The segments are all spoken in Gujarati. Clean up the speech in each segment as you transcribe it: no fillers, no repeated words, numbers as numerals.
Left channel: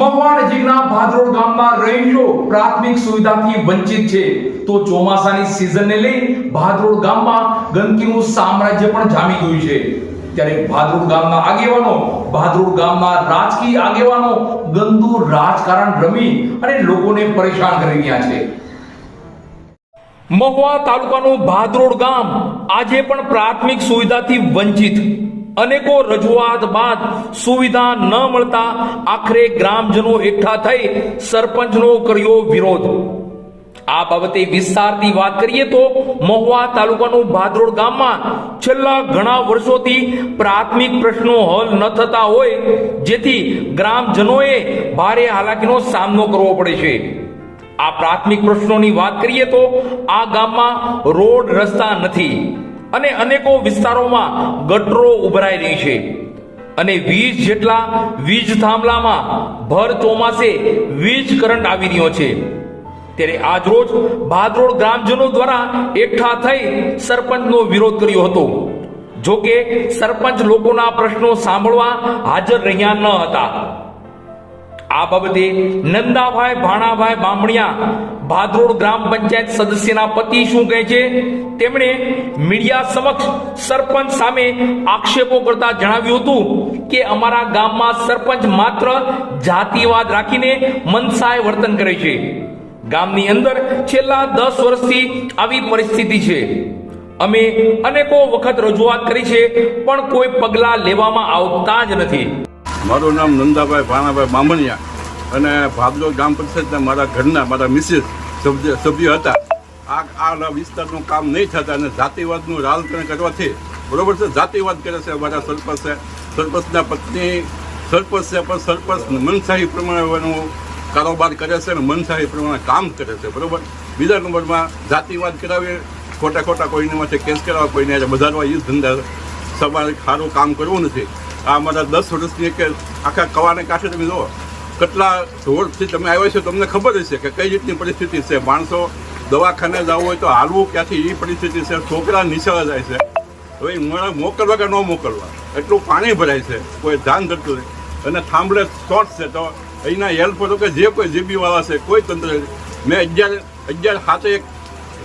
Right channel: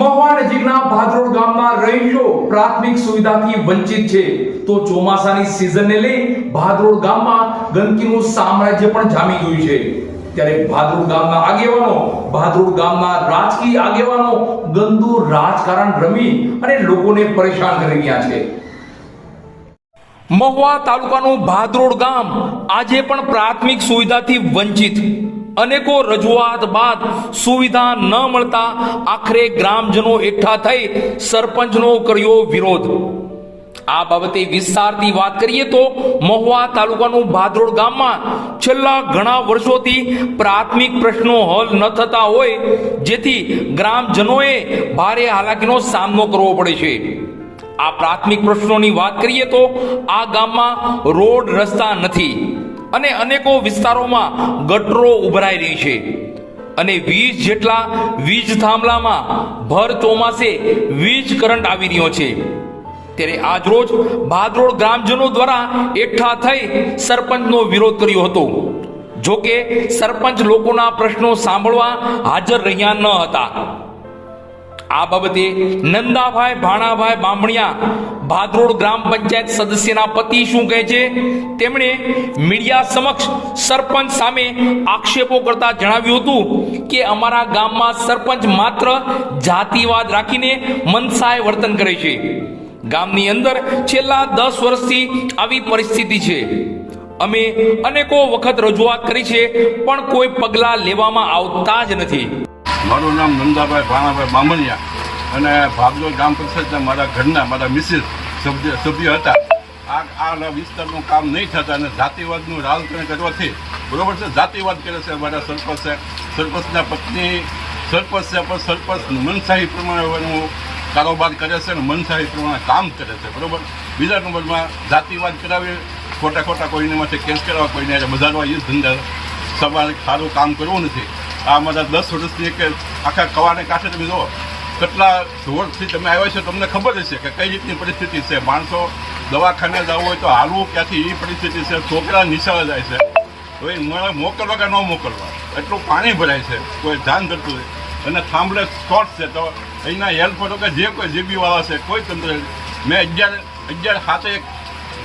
મહુવા નજીકના ભાદરોડ ગામના રહીશો પ્રાથમિક સુવિધાથી વંચિત છે તો ચોમાસાની સિઝનને લઈ ભાદરોડ ગામમાં ગંદકીનું સામ્રાજ્ય પણ જામી ગયું છે। ત્યારે ભાદરોડ ગામના આગેવાનો ભાદરોડ ગામના રાજકીય આગેવાનો ગંદુ રાજકારણ રમી અને લોકોને પરેશાન કરી રહ્યા છે। મહુવા તાલુકાનું ભાદરોડ ગામ આજે પણ પ્રાથમિક સુવિધાથી વંચિત। અનેકો રજૂઆત બાદ સુવિધા ન મળતા આખરે ગ્રામજનો એકઠા થઈ સરપંચનો કર્યો વિરોધ। આ બાબતે વિસ્તારથી વાત કરીએ તો મહુવા તાલુકાનું ભાદરોડ ગામમાં છેલ્લા ઘણા વર્ષોથી પ્રાથમિક પ્રશ્નો હલ ન થતા હોય જેથી ગ્રામજનોએ ભારે હાલાકીનો સામનો કરવો પડે છે। આ પ્રાથમિક પ્રશ્નોની વાત કરીએ તો આ ગામમાં રોડ રસ્તા નથી અને અનેકો વિસ્તારોમાં ગટરો ઉભરાઈ રહી છે અને 20 જેટલા વીજ થાંભલામાં ભર ચોમાસે વીજ કરંટ આવી રહ્યો છે। ત્યારે આજરોજ ભાદરોડ ગ્રામજનો દ્વારા એકઠા થઈ સરપંચનો વિરોધ કર્યો હતો। જોકે સરપંચ લોકોના પ્રશ્નો સાંભળવા હાજર રહ્યા ન હતા। આ બાબતે નંદાભાઈ ભાણાભાઈ બામણિયા ભાદરોડ ગ્રામ પંચાયત સદસ્યના પતિ શું કહે છે તેમણે મીડિયા સમક્ષ સરપંચ સામે આક્ષેપો કરતા જણાવ્યું હતું કે અમારા ગામમાં સરપંચ માત્ર જાતિવાદ રાખીને મનસાય વર્તન કરે છે। ગામની અંદર છેલ્લા 10 વર્ષથી આવી પરિસ્થિતિ છે। અમે અનેકો વખત રજૂઆત કરી છે પણ કોઈ પગલાં લેવામાં આવતા જ નથી। મારું નામ નંદાભાઈ ભાણાભાઈ બામણિયા અને ભાદરોડ ગ્રામ પંચાયતના મારા ઘરના મારા મિસિસ સભ્ય હતા। આ વિસ્તારનું કામ નહીં થતા અને જાતિવાદનું રાજકારણ કરવાથી બરોબર છે, જાતિવાદ કરે છે અમારા સરપંચે, સરપંચના પત્ની સરપંચ છે પણ સરપંચ મનસાહી પ્રમાણેનું કારોબાર કરે છે અને મનસાહી પ્રમાણે કામ કરે છે બરોબર। બીજા નંબરમાં જાતિવાદ કરાવી ખોટા કોઈને માટે કેસ કરાવવા, કોઈને બજારમાં એ ધંધા સવારે સારું કામ કરવું નથી। આ અમારા 10 વર્ષની કે આખા કવાને કાંઠે તમે જુઓ કેટલા જોરથી તમે આવ્યા છો, તમને ખબર હશે કે કઈ રીતની પરિસ્થિતિ છે। માણસો દવાખાને જવું હોય તો હાલવું ક્યાંથી એ પરિસ્થિતિ છે। છોકરા નિશાળા જાય છે તો એ મોકલવા કે ન મોકલવા એટલું પાણી ભરાય છે, કોઈ ધ્યાન ધરતું નહીં અને થાંભલે શોર્ટ છે તો અહીંના હેલ્પરો કે જે કોઈ જીબીવાળા છે કોઈ તંત્ર મેં 11 હાથે એક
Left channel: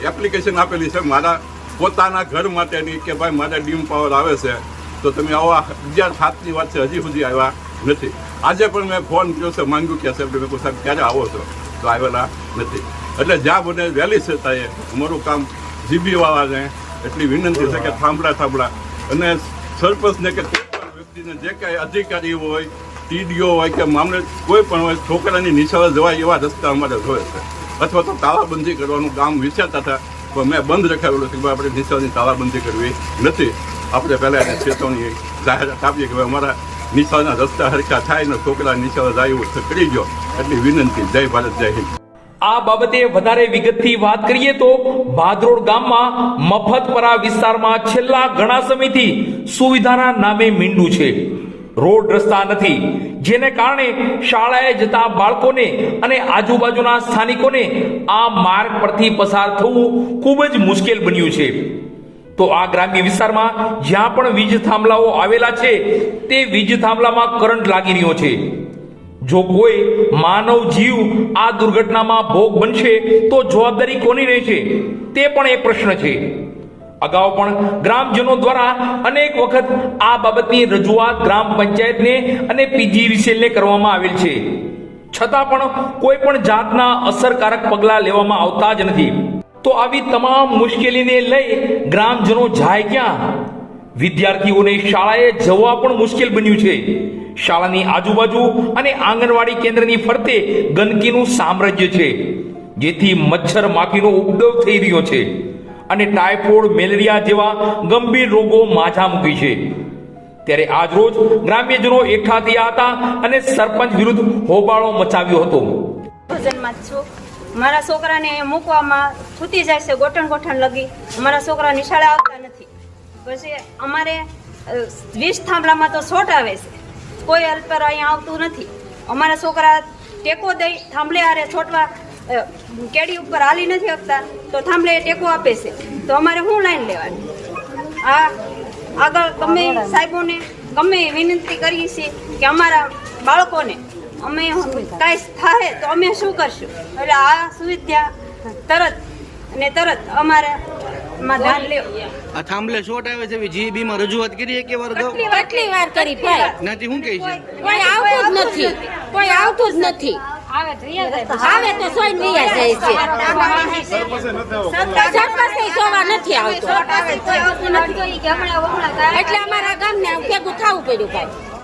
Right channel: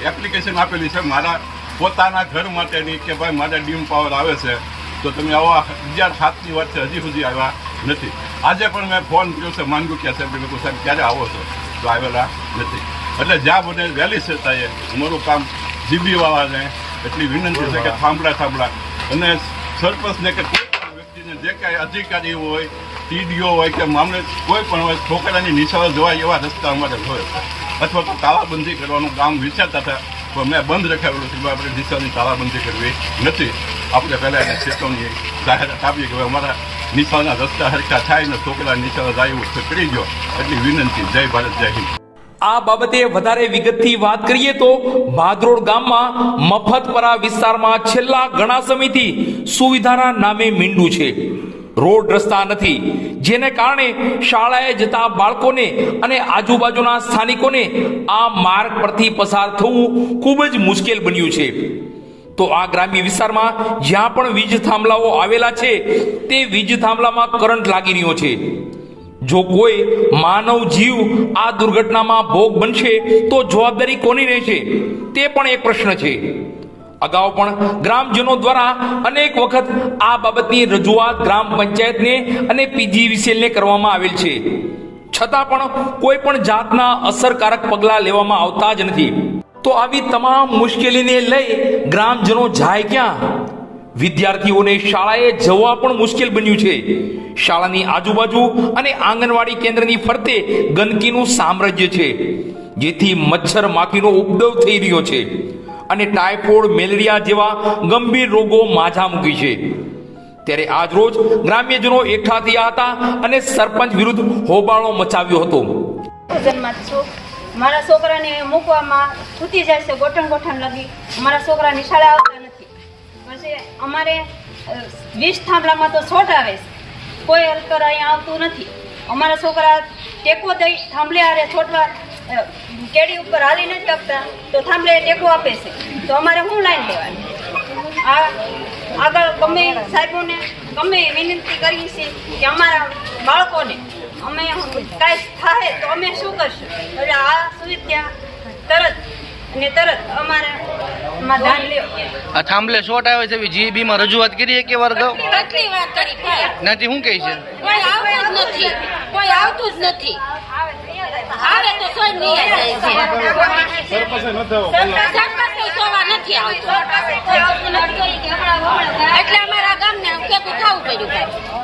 એપ્લિકેશન આપેલી છે મારા પોતાના ઘર માટેની કે ભાઈ મારે ડીમ પાવર આવે છે તો તમે આવા 11/7ની વાત છે હજી સુધી આવ્યા નથી। આજે પણ મેં ફોન કર્યો છે માંગ્યું સાહેબ સાહેબ ક્યારે આવો છો તો આવેલા નથી। એટલે જ્યાં મને વહેલી છતાંય અમારું કામ જીબીવાળાને એટલી વિનંતી છે કે થાંભલા અને સરપંચને કે વ્યક્તિને જે કાંઈ અધિકારી હોય, ટીડીઓ હોય કે મામલે કોઈ પણ હોય છોકરાની નિશાળે જવાય એવા રસ્તા અમારે જોઈએ છે અથવા તો તાળાબંધી કરવાનું ગામ વિચારતા હતા તો મેં બંધ રખાવેલું છે કે આપણે નિશાળની તાળાબંધી કરવી નથી। આપણે પહેલાં એને ચેતવણી જાહેરાત આપીએ કે અમારા નિશાળના રસ્તા હરખા થાય ને છોકરા નિશાળે જાય એવું કરી ગયો એટલી વિનંતી। જય ભારત, જય હિન્દ। આ બાબતે વધારે વિગતથી વાત કરીએ તો ભાદરોડ ગામમાં મફતપરા વિસ્તારમાં છેલ્લા ઘણા સમયથી સુવિધાના નામે મીંડું છે। રોડ રસ્તા નથી જેને કારણે શાળાએ જતા બાળકોને અને આજુબાજુના સ્થાનિકોને આ માર્ગ પરથી પસાર થવું ખૂબ જ મુશ્કેલ બન્યું છે। તો આ ગ્રામ્ય વિસ્તારમાં જ્યાં પણ વીજ થાંભલાઓ આવેલા છે તે વીજ થાંભલામાં કરંટ લાગી રહ્યો છે। જો કોઈ માનવ જીવ આ દુર્ઘટનામાં ભોગ બનશે તો જવાબદારી કોની રહેશે તે પણ એક પ્રશ્ન છે। અગાઉ પણ ગ્રામજનો દ્વારા અનેક વખત આ બાબતની રજૂઆત ગ્રામ પંચાયતને અને પીજીવીસીએલને કરવામાં આવેલ છે, છતાં પણ કોઈ પણ જાતના અસરકારક પગલાં લેવામાં આવતા જ નથી। તો આવી તમામ મુશ્કેલીને લઈ ગ્રામજનો જાય ક્યાં? વિદ્યાર્થીઓને શાળાએ જવા પણ મુશ્કેલ બન્યું છે। શાળાની આજુબાજુ અને આંગણવાડી કેન્દ્રની ફરતે ગંદકીનું સામ્રાજ્ય છે જેથી મચ્છર માખીનો ઉપદ્રવ થઈ રહ્યો છે અને ટાઇફોઇડ, મેલેરિયા જેવા ગંભીર રોગો માથા મૂકી છે। ત્યારે આજરોજ ગ્રામ્યજનો એકઠા થયા હતા અને સરપંચ વિરુદ્ધ હોબાળો મચાવ્યો હતો। મારા છોકરાને મૂકવામાં ખૂટી જાય છે, ગોઠણ લગી અમારા છોકરા નિશાળે આવતા નથી। પછી અમારે 20 થાંભલામાં તો શોર્ટ આવે છે, કોઈ હેલ્પર અહીંયા આવતું નથી। અમારા છોકરા ટેકો દઈ થાંભલે આરે છોટવા કેડી ઉપર હાલી નથી શકતા તો થાંભલે ટેકો આપે છે તો અમારે શું લાઈન લેવાની? આ આગળ ગમે સાહેબોને ગમે વિનંતી કરીએ છીએ કે અમારા બાળકોને અમે કાંઈ થાય તો અમે શું કરશું? એટલે આ સુવિધા તરત અમારે માં ધ્યાન લ્યો. આ થાંભલે શોર્ટ આવે છે જીબી માં રજૂઆત કરી કે વાર ગયો કેટલી વાર કરી ભાઈ, નાથી શું કહે છે? કોઈ આવતું જ નથી, કોઈ આવતું જ નથી. આવે તો સોય નિયા જાય છે. સરપંચે સોવા નથી આવતો. એટલે અમારા ગામને ભેગું થવું પડ્યું ભાઈ.